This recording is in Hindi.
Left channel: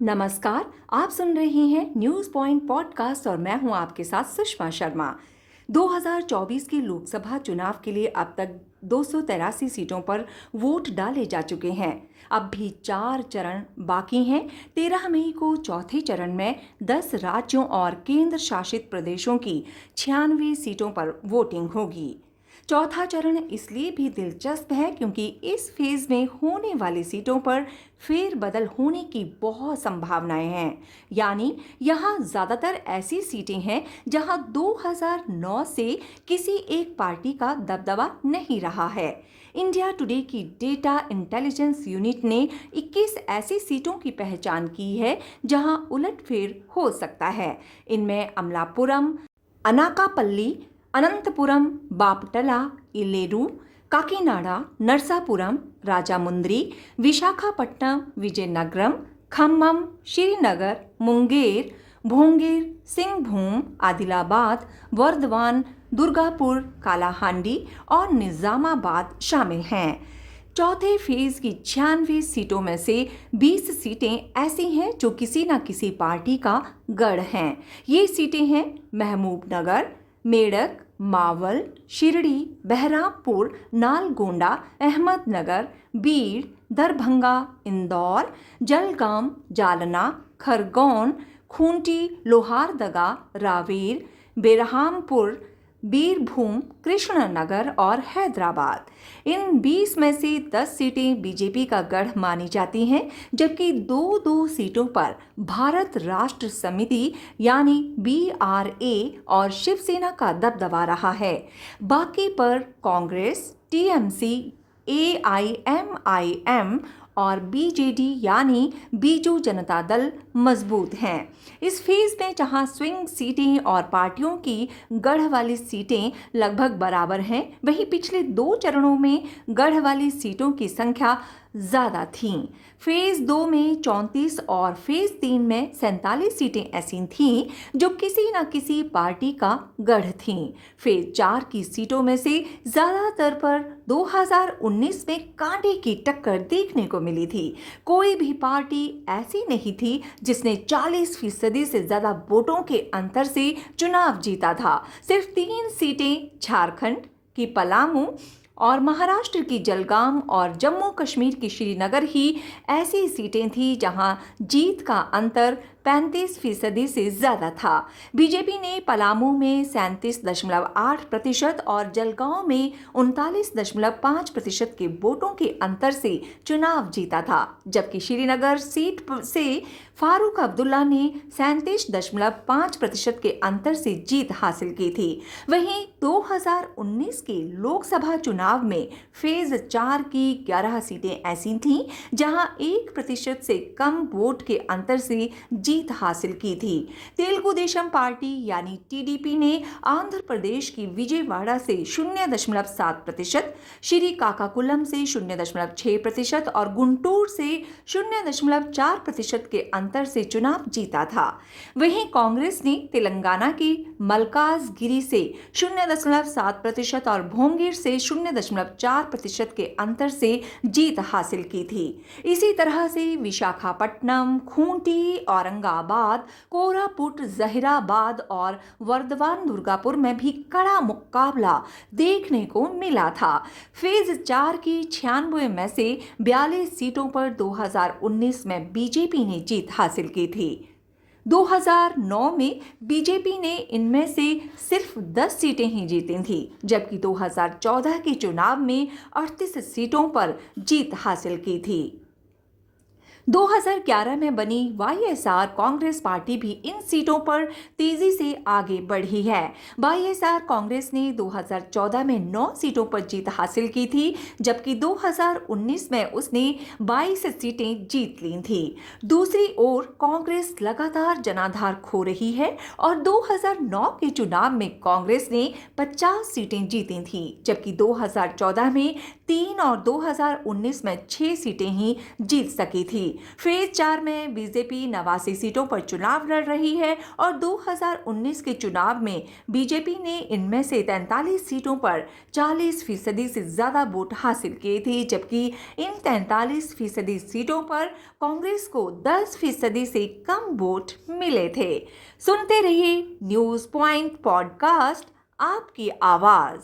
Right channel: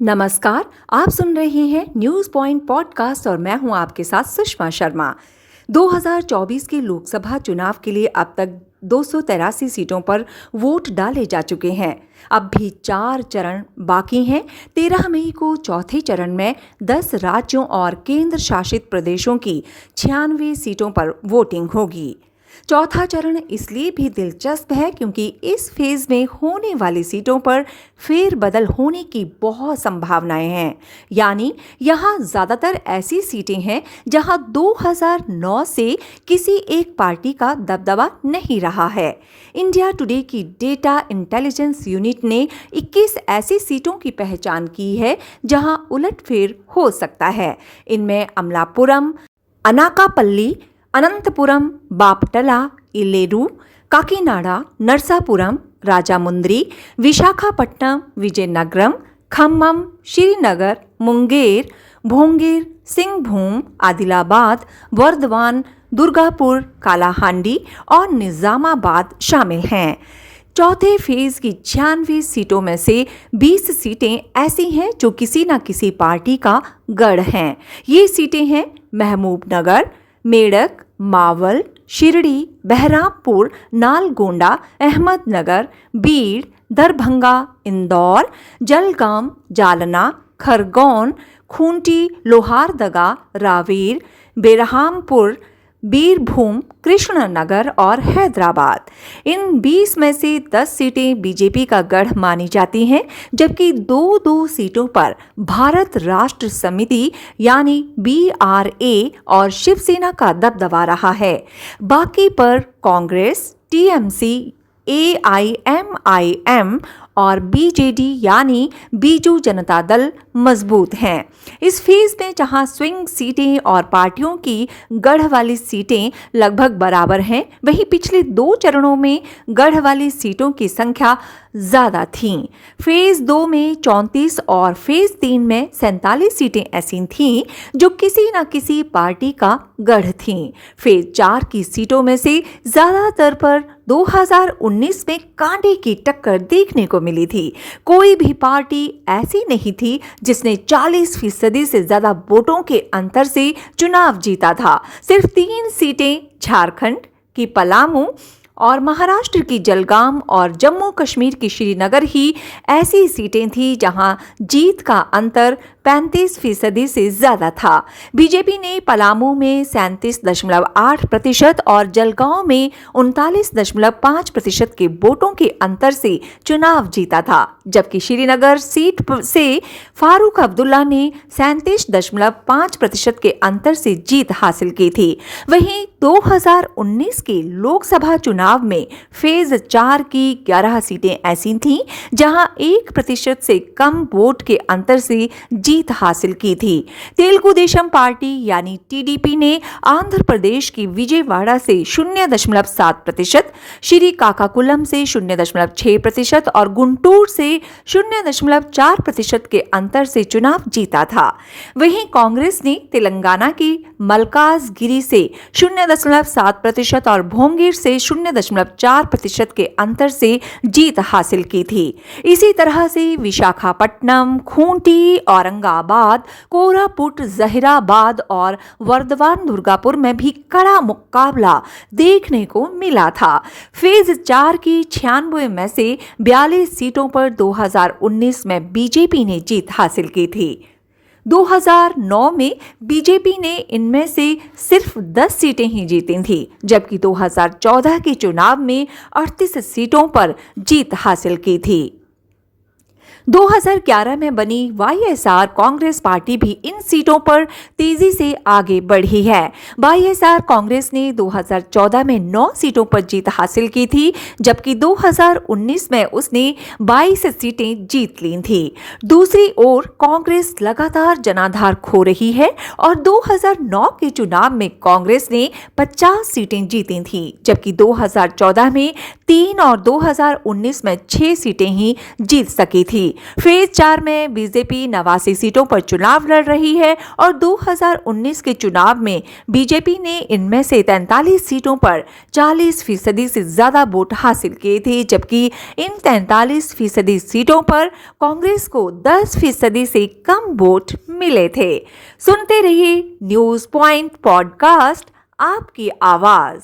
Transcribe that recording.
नमस्कार। आप सुन रहे हैं न्यूज़ पॉइंट पॉडकास्ट और मैं हूं आपके साथ सुषमा शर्मा। 2024 के लोकसभा चुनाव के लिए अब तक 283 सीटों पर वोट डाले जा चुके हैं। अब भी 4 चरण बाकी हैं। 13 मई को चौथे चरण में 10 राज्यों और केंद्र शासित प्रदेशों की 96 सीटों पर वोटिंग होगी। चौथा चरण इसलिए भी दिलचस्प है क्योंकि इस फेज में होने वाली सीटों पर फेरबदल होने की बहुत संभावनाएं हैं। यानी यहाँ ज़्यादातर ऐसी सीटें हैं जहाँ 2009 से किसी एक पार्टी का दबदबा नहीं रहा है। इंडिया टुडे की डेटा इंटेलिजेंस यूनिट ने 21 ऐसी सीटों की पहचान की है जहां उलटफेर हो सकता है। इनमें अमलापुरम, अनाकापल्ली, अनंतपुरम, बापटला, इलेरू, काकीनाडा, नरसापुरम, राजामुंद्री, विशाखापट्टनम, विजयनगरम, खम्मम, श्रीनगर, मुंगेर, भोंगेर, सिंहभूम, आदिलाबाद, वर्धमान, दुर्गापुर, कालाहांडी और निजामाबाद शामिल हैं। चौथे फेज की 96 सीटों में से 20 सीटें ऐसी हैं जो किसी न किसी पार्टी का गढ़ हैं। ये सीटें हैं महबूबनगर, मेडक, मावल, शिरडी, बहरामपुर, नालगोंडा, अहमदनगर, बीड़, दरभंगा, इंदौर, जलगांव, जालना, खरगोन, खूंटी, लोहारदगा, रावेर, बेरहामपुर, बीरभूम, कृष्णनगर और हैदराबाद। इन 20 में से 10 सीटें बीजेपी का गढ़ मानी जाती हैं, जबकि 2 सीटों पर भारत राष्ट्र समिति यानी BRA और शिवसेना का दबदबा रहा है। बाकी पर कांग्रेस, TMC, AIMIM और BJD यानी बीजू जनता दल मजबूत हैं। इस फेज में जहां स्विंग सीटें और पार्टियों की गढ़ वाली सीटें लगभग बराबर हैं, वहीं पिछले 2 चरणों में गढ़ वाली सीटों की संख्या ज़्यादा थीं। फेज 2 में 34 और फेज 3 में 47 सीटें ऐसी थीं जो किसी न किसी पार्टी का गढ़ थीं। फेज 4 की सीटों में से ज़्यादातर पर 2019 में कांटे की टक्कर देखने को मिली थी। कोई भी पार्टी ऐसी नहीं थी जिसने 40% से ज़्यादा वोटों के अंतर से चुनाव जीता था। सिर्फ 3 सीटें झारखंड की पलामू और महाराष्ट्र की जलगांव और जम्मू कश्मीर की श्रीनगर ही ऐसी सीटें थीं जहां जीत का अंतर 35% से ज़्यादा था। बीजेपी ने पलामू में 37.8% और जलगांव में 39.5% के वोटों के अंतर से चुनाव जीता था, जबकि श्रीनगर सीट से फारूक अब्दुल्ला ने 37.5% के अंतर से जीत हासिल की थी। वहीं 2019 के लोकसभा चुनाव में फेज 4 की 11 सीटें ऐसी थीं जहां 1% से कम वोट के अंतर से जीत हासिल की थी। तेलुगु देशम पार्टी यानी TDP ने आंध्र प्रदेश की विजयवाड़ा से 0.7%, श्रीकाकुलम से 0.6% और गुंटूर से 0.4% के अंतर से चुनाव जीता था। वहीं कांग्रेस ने तेलंगाना की मलकाजगिरी से 0.7% और भोंगीर से 0.4% के अंतर से जीत हासिल की थी। इसी तरह से विशाखापट्टनम, खूंटी, औरंगाबाद, कोरापुट, जहीराबाद और वर्धमान, दुर्गापुर में भी कड़ा मुकाबला देखने को मिला था। फेज 4 की 96 में से 42 सीटों पर 2019 में बीजेपी ने जीत हासिल की थी। 2009 में बीजेपी ने इनमें से सिर्फ 10 सीटें ही जीती थीं, जबकि 2014 के चुनाव में 38 सीटों पर जीत हासिल की थी। 2011 में बनी YSR कांग्रेस पार्टी भी इन सीटों पर तेजी से आगे बढ़ी है। YSR कांग्रेस ने 2014 में 9 सीटों पर जीत हासिल की थी, जबकि 2019 में उसने 22 सीटें जीत ली थी। दूसरी ओर कांग्रेस लगातार जनाधार खो रही है और 2009 के चुनाव में कांग्रेस ने 50 सीटें जीती थीं, जबकि 2014 में 3 और 2019 में 6 सीटें ही जीत सकी थी। फेज 4 में बीजेपी 89 सीटों पर चुनाव लड़ रही है और 2019 के चुनाव में बीजेपी ने इनमें से 43 सीटों पर 40% से ज्यादा वोट हासिल किए थे, जबकि इन 43% सीटों पर कांग्रेस को 10% से कम वोट मिले थे। सुनते रहिए न्यूज पॉइंट पॉडकास्ट, आपकी आवाज।